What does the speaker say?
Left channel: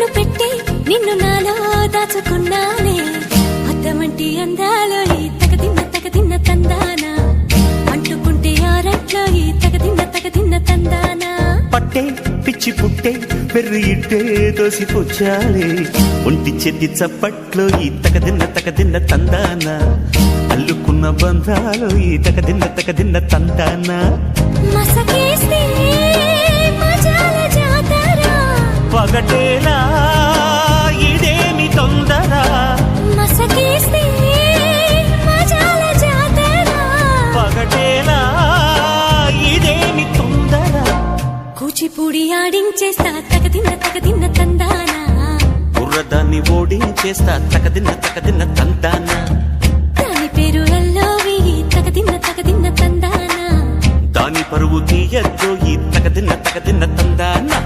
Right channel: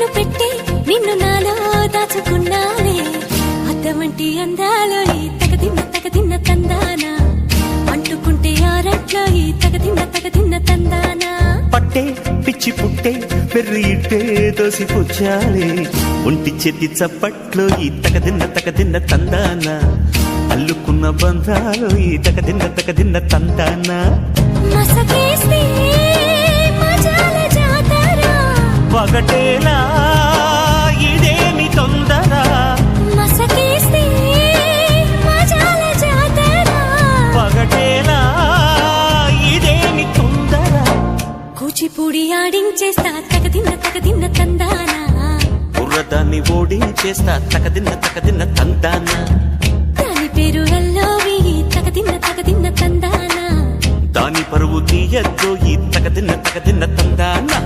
కన్ను పెట్టే నిన్ను నాలో దాచుకున్నానే అద్దమంటి అందాలో ఈ తగదిన్న తందానా అంటుకుంటే ఆరట్లో ఈ తగదిన్న తందానా పట్టే పిచ్చి పుట్టే పెర్రి ఇట్టే దోసిపుచ్చాలే ఒంటి చేతి చప్పట్లో ఈ తగదిన్న తందానా అల్లుకున్న బంధాలు ఈ తగదిన్న తందానా మసకేస్తే మజాల జాతర పగటేలా ఇదేమి తొందర మసకేస్తే మజాల జాతర పగటేలా ఇదేమి తొందర కూచిపూడి ఆడించేస్తా తగదిన్న తందానా బుర్రదాన్ని ఓడించేస్తా తగదిన్న తందానా దాని పేరు ఎల్లోవి తగదిన్న తందానా దాని పరువు తీయద్దు ఈ తగదిన్న తందానా